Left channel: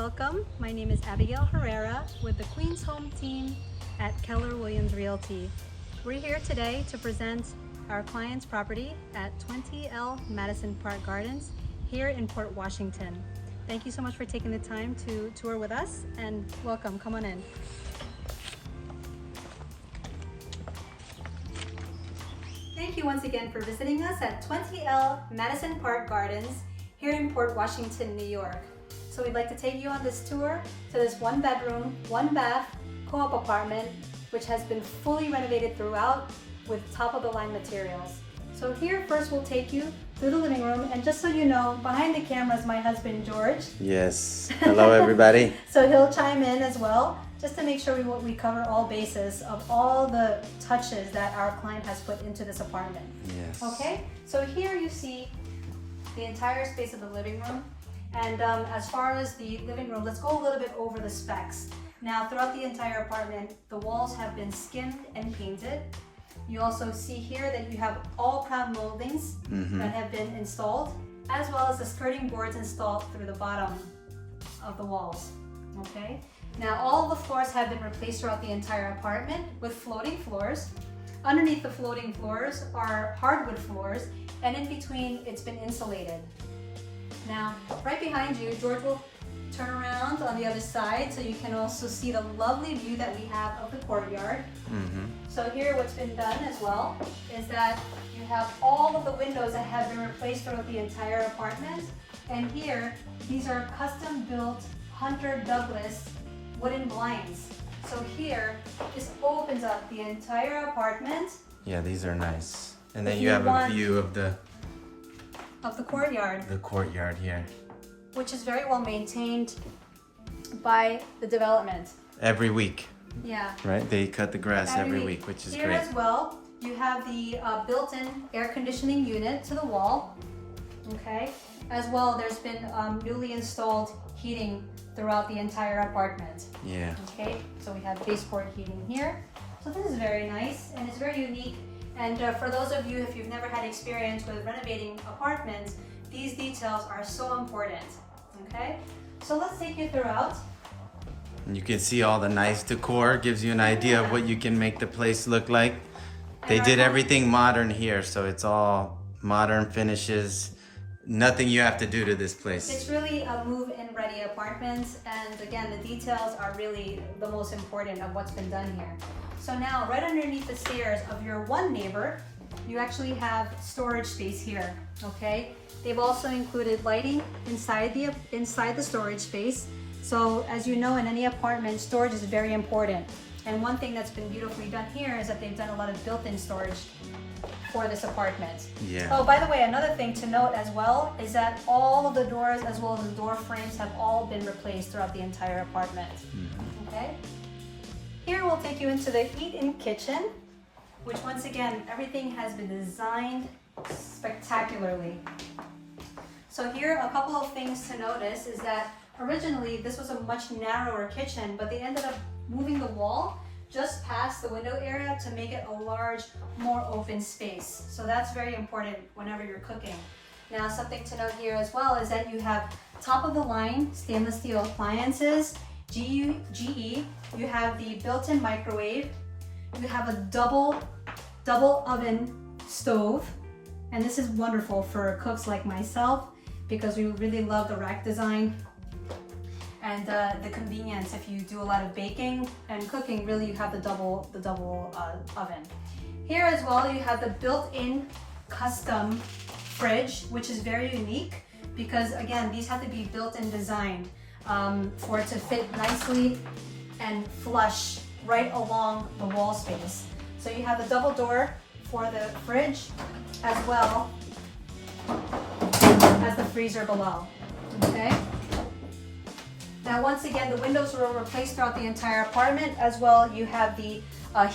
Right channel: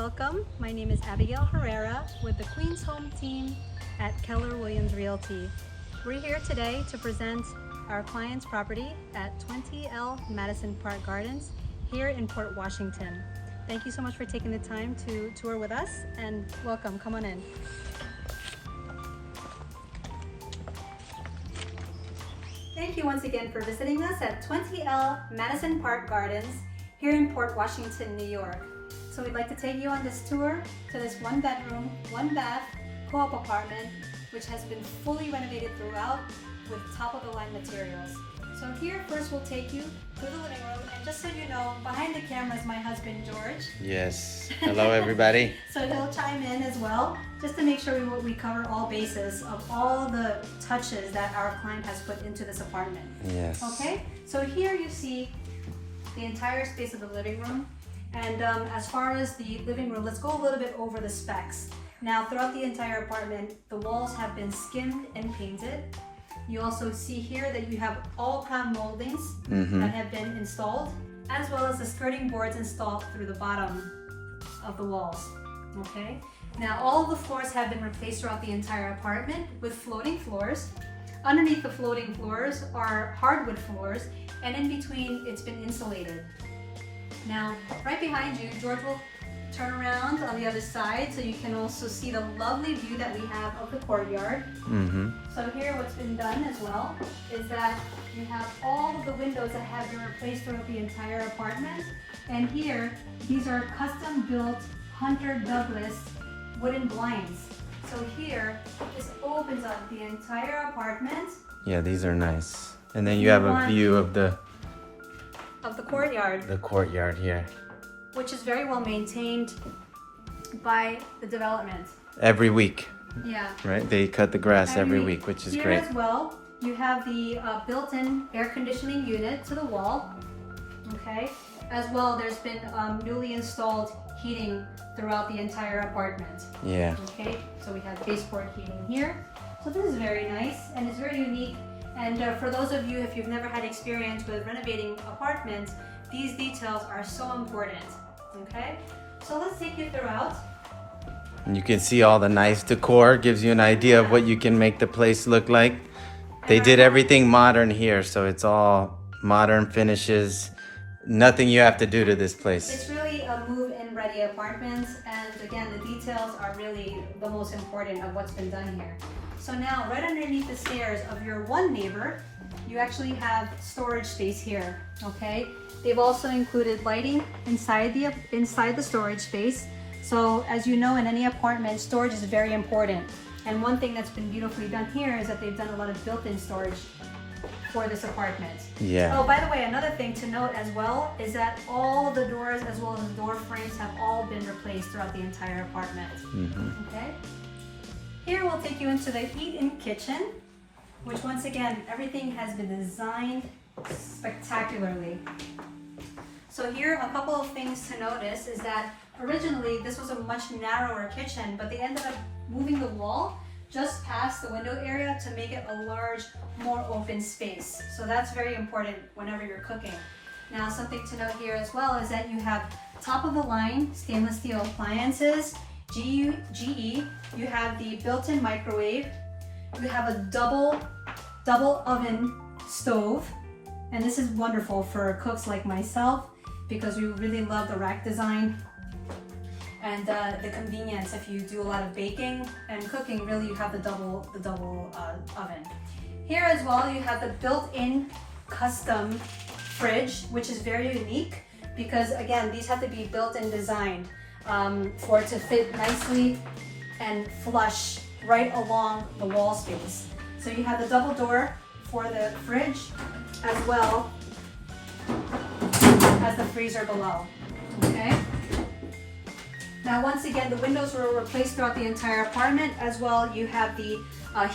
Welcome. My name is Abigail Herrera with the Queens Home Team at Keller Williams Realty. We're here today to present our client's property at 20L Madison Park Gardens here in Port Washington. Thank you so much for taking the time to tour with us, and welcome. Come on in. Thank you once again for visiting us at 20L Madison Park Gardens here in Port Washington, New York. So we'd like to take you on this tour to this 1-bedroom, 1-bath co-op apartment, which has been fully renovated throughout with top-of-the-line materials. So here first we'll take you to the living room, and just so you know, behind the camera is my husband George. Yes. Hello everybody. So he'll chime in as well, just to make sure we cover all bases of all the touches that our client has put into this apartment. Yes. Okay, so here you see the entire space of the living room. And as far as the living room, let's go a little bit over the specs. Now, throughout the entire apartment, the walls have been skimmed and painted. You also see here that you have all crown moldings that have been installed, as well as the skirting boards installed through the bottom of the walls. Okay. Now, all of the floors have been replaced throughout the entire apartment with floating floors. Underneath the floating floors are hardwood floors, and in between, it's been insulated. Now, right behind you, George will turn around on the other side so you can also see the lovely view that we have of the courtyard. So here what's been done as well is that you have all of the windows that have been replaced throughout the entire apartment. And here, these are custom built Hunter Douglas wooden blinds. So here, this opens up the entire apartment. Yeah, these are nice. And then you have a view of the courtyard. The courtyard here. Which is very well maintained by the development. Every week. Yeah. Right? They cut the grass every week, which is here great. As well, you have the built-in air conditioning unit to the wall. Okay. As well, there's been newly installed heating throughout the entire apartment. Yeah. Okay. So we have baseboard heating here. So this is very nice and it's very unique. And for those of you, if you've never had experience with renovating apartments, these details are so important. Okay, so let's take you throughout. And you can see all the nice decor, gives you an idea of what you can make the place look like. They did everything modern here, so it's all modern finishes. Nothing you have to do to this place. It's really a move-in ready apartment, and again, the details are really the most important of what's been done here. So now, right underneath the stairs of your one neighbor, you actually have storage space here, okay? They've also included lighting inside the storage space. So as you know, in any apartment, storage is very important. And one thing that's been beautifully done here is that they've done a lot of built-in storage for this apartment. Yeah. Oh, by the way, another thing to note as well is that all of the doors as well as the door frames have all been replaced throughout the entire apartment. Okay? Here we'll take you into the eat-in kitchen, which once again, everything has been designed spectacularly. So here, a couple of things to notice is that originally this was a much narrower kitchen, but they ended up moving the wall just past the window area to make it a large, more open space. So that's very important whenever you're cooking. Now, something to note here as well is that you have top-of-the-line stainless steel appliances, GE, you have the built-in microwave, you have a double oven stove, and this is wonderful for cooks like myself because we really love the rack design and the convenience. If you do a lot of baking and cooking, really you have the double oven. Here as well, you have the built-in custom fridge, which is very unique because again, these have to be built and designed for it to fit nicely and flush right along the wall space. So you have the double door for the fridge as well as the freezer below. Okay. Now, once again, the windows were replaced throughout the entire apartment. As well, you have the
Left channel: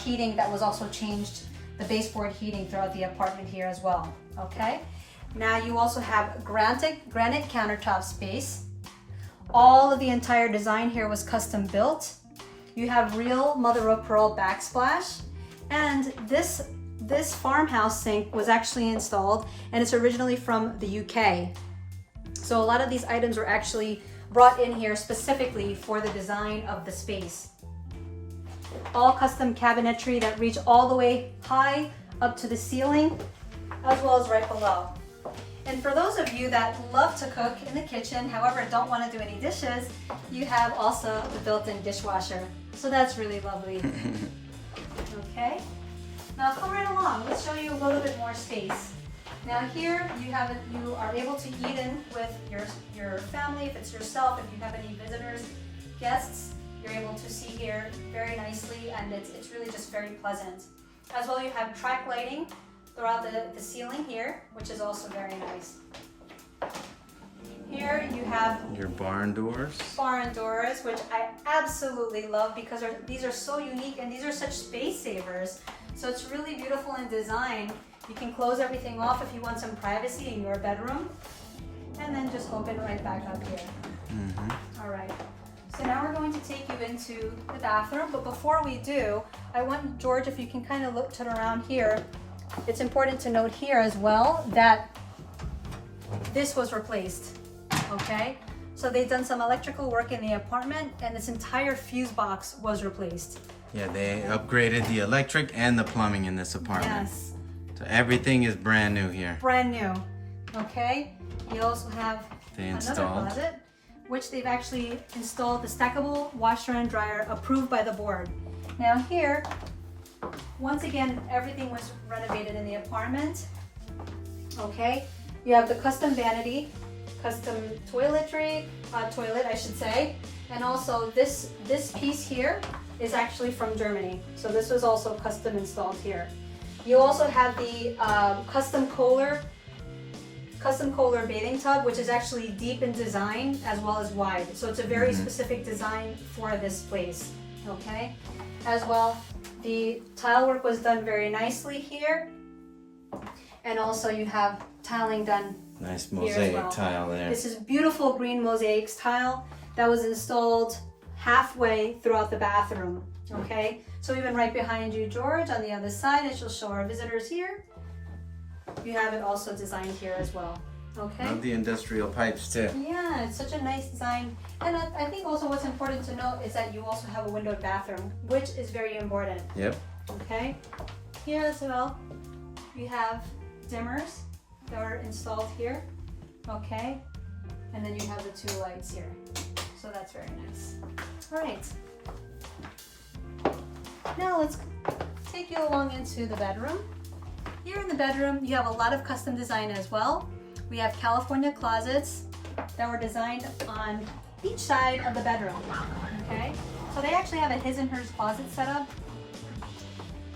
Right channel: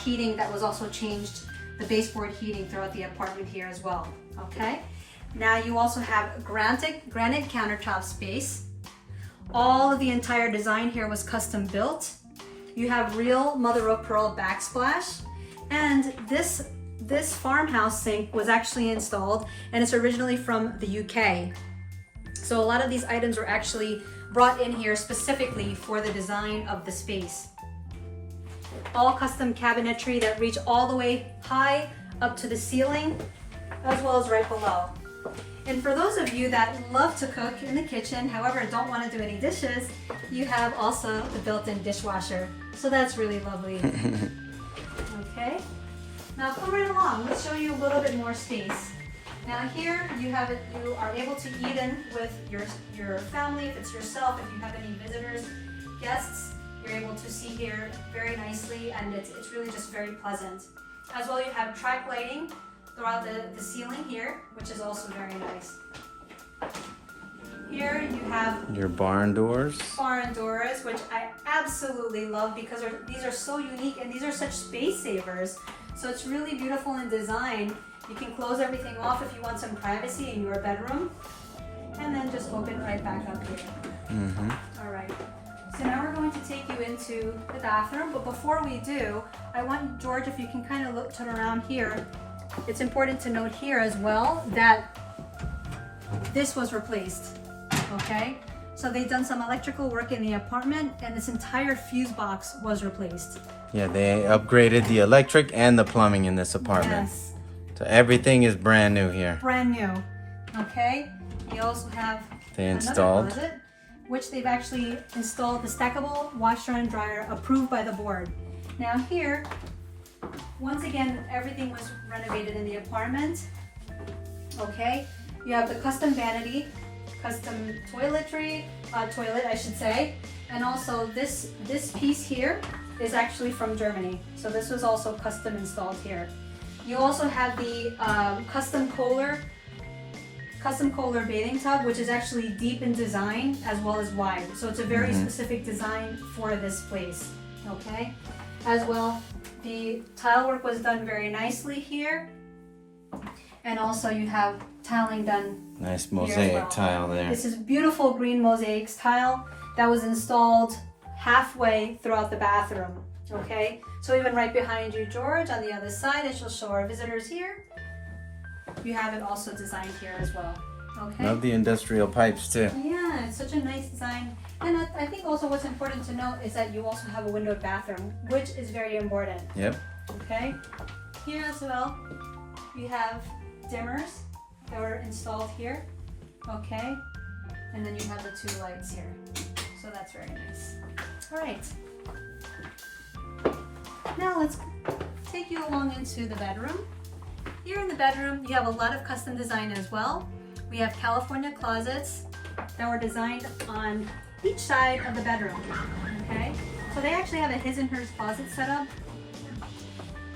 heating that was also changed, the baseboard heating throughout the apartment here as well. Okay. Now you also have granite countertop space. All of the entire design here was custom built. You have real mother of pearl backsplash, and this farmhouse sink was actually installed, and it's originally from the UK. So a lot of these items are actually brought in here specifically for the design of the space. All custom cabinetry that reach all the way high up to the ceiling, as well as right below. And for those of you that love to cook in the kitchen, however don't want to do any dishes, you have also the built-in dishwasher. So that's really lovely. Okay, now come right along. Let's show you a little bit more space. Now here you have it. You are able to eat in with your family. If it's yourself, if you have any visitors, guests, you're able to see here very nicely, and it's really just very pleasant. As well, you have track lighting throughout the ceiling here, which is also very nice. Here you have your barn doors. Barn doors, which I absolutely love because these are so unique and these are such space savers. So it's really beautiful in design. You can close everything off if you want some privacy in your bedroom, and then just open right back up here. All right. So now we're going to take you into the bathroom, but before we do, I want George, if you can kind of turn around here. It's important to note here as well that this was replaced, okay? So they've done some electrical work in the apartment, and this entire fuse box was replaced. Yeah, they upgraded the electric and the plumbing in this apartment. Yes. So everything is brand new here. Brand new, okay? You also have They another installed. closet, which they've actually installed the stackable washer and dryer approved by the board. Now here, once again, everything was renovated in the apartment. Okay, you have the custom vanity, custom toiletry, toilet I should say, and also this piece here is actually from Germany. So this was also custom installed here. You also have the custom Kohler bathing tub, which is actually deep in design as well as wide. So it's a very specific design for this place, okay? As well, the tile work was done very nicely here. And also you have tiling done. Nice here as mosaic well. tile there. This is beautiful green mosaic tile that was installed halfway throughout the bathroom, okay? So even right behind you, George, on the other side, as you'll show our visitors here, you have it also designed here as well, okay? Love the industrial pipes too. Yeah, it's such a nice design. And I think also what's important to note is that you also have a windowed bathroom, which is very important, Yep. okay? Here as well, we have dimmers that are installed here, okay? And then you have the two lights here. So that's very nice. All right. Now let's take you along into the bedroom. Here in the bedroom, you have a lot of custom design as well. We have California closets that were designed on each side of the bedroom, okay? So they actually have a his and hers closet set up.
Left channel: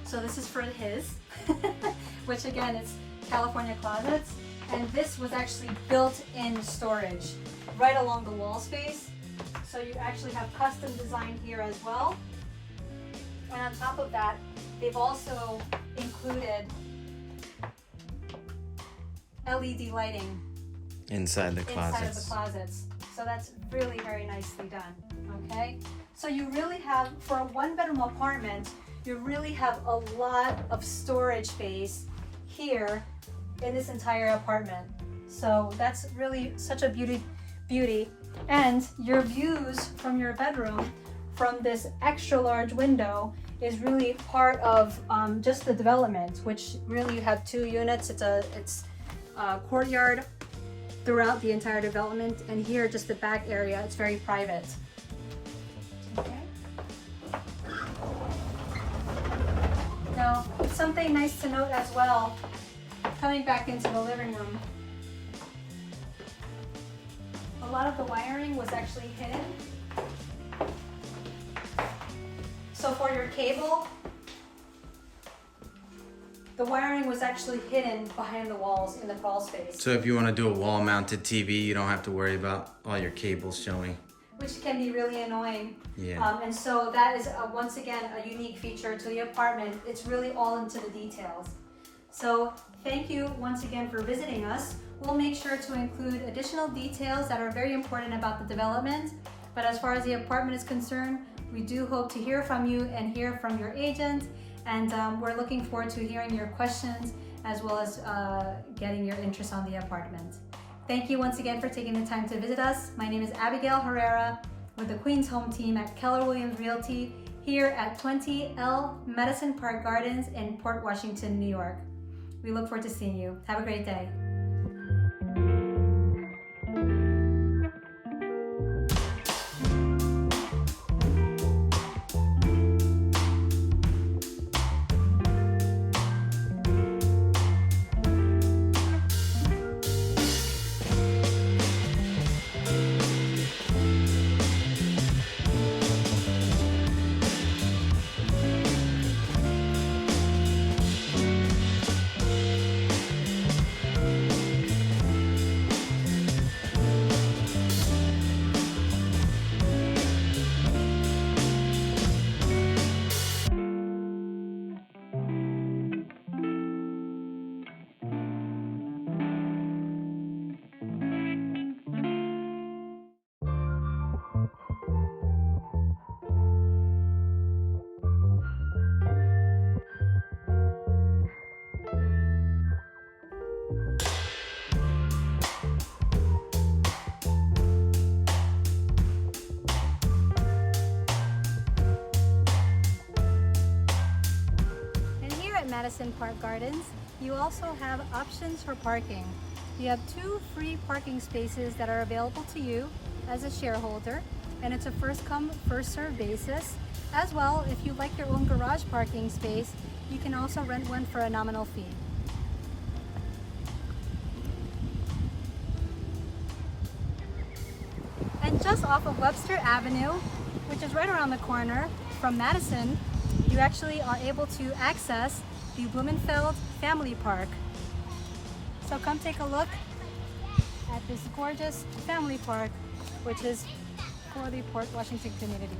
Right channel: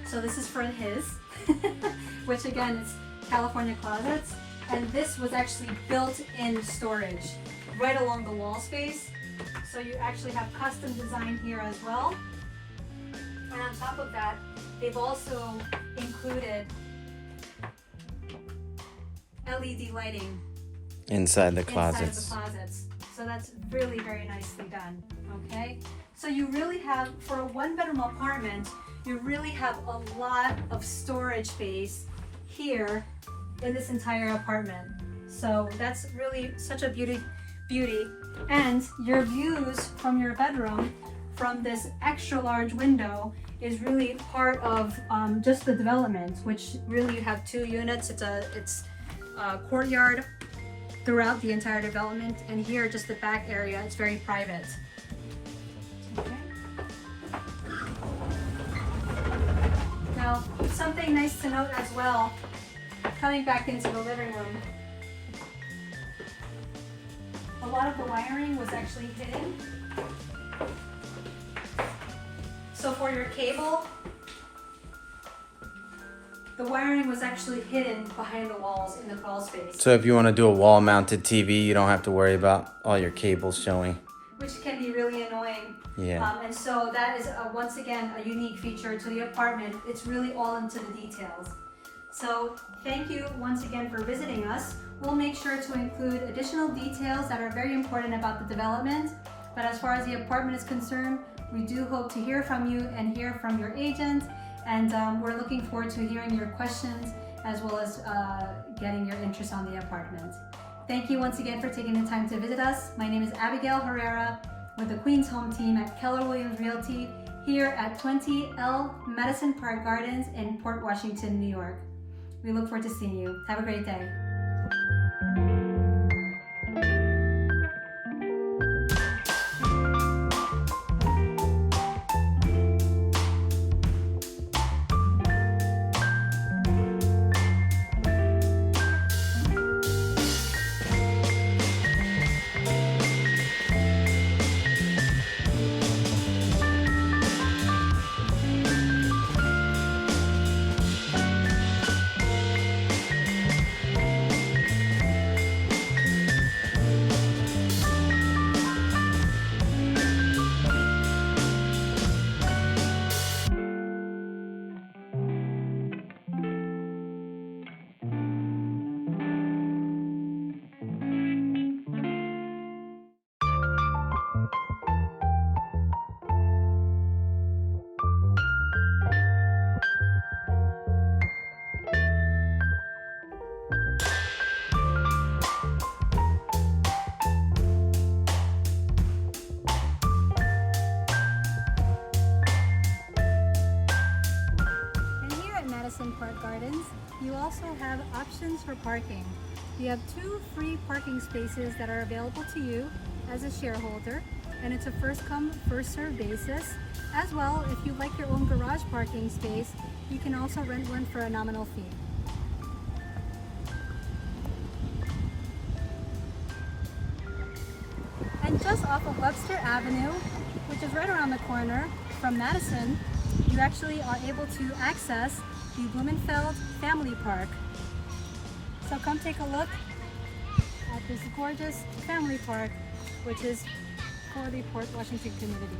So this is for his, which again is California closets. And this was actually built-in storage right along the wall space. So you actually have custom design here as well. And on top of that, they've also included LED lighting Inside the inside of closets. the closets. So that's really very nicely done, okay? So you really have, for a one-bedroom apartment, you really have a lot of storage space here in this entire apartment. So that's really such a beauty. And your views from your bedroom from this extra large window is really part of just the development, which really you have 2 units. It's a courtyard throughout the entire development, and here just the back area, it's very private. Okay. Now, something nice to note as well, coming back into the living room, a lot of the wiring was actually hidden. So for your cable, the wiring was actually hidden behind the walls in the crawl space. So if you want to do a wall-mounted TV, you don't have to worry about all your cables showing. Which can be really annoying. Yeah. And so that is, once again, a unique feature to the apartment. It's really all into the details. So thank you once again for visiting us. We'll make sure to include additional details that are very important about the development. But as far as the apartment is concerned, we do hope to hear from you and hear from your agent. And we're looking forward to hearing your questions as well as getting your interest on the apartment. Thank you once again for taking the time to visit us. My name is Abigail Herrera with the Queens Home Team at Keller Williams Realty here at 20L Madison Park Gardens in Port Washington, New York. We look forward to seeing you. Have a great day. Madison Park Gardens, you also have options for parking. You have 2 free parking spaces that are available to you as a shareholder, and it's a first come, first served basis. As well, if you like your own garage parking space, you can also rent one for a nominal fee. And just off of Webster Avenue, which is right around the corner from Madison, you actually are able to access the Blumenfeld Family Park. So come take a look at this gorgeous family park, which is for the Port Washington community.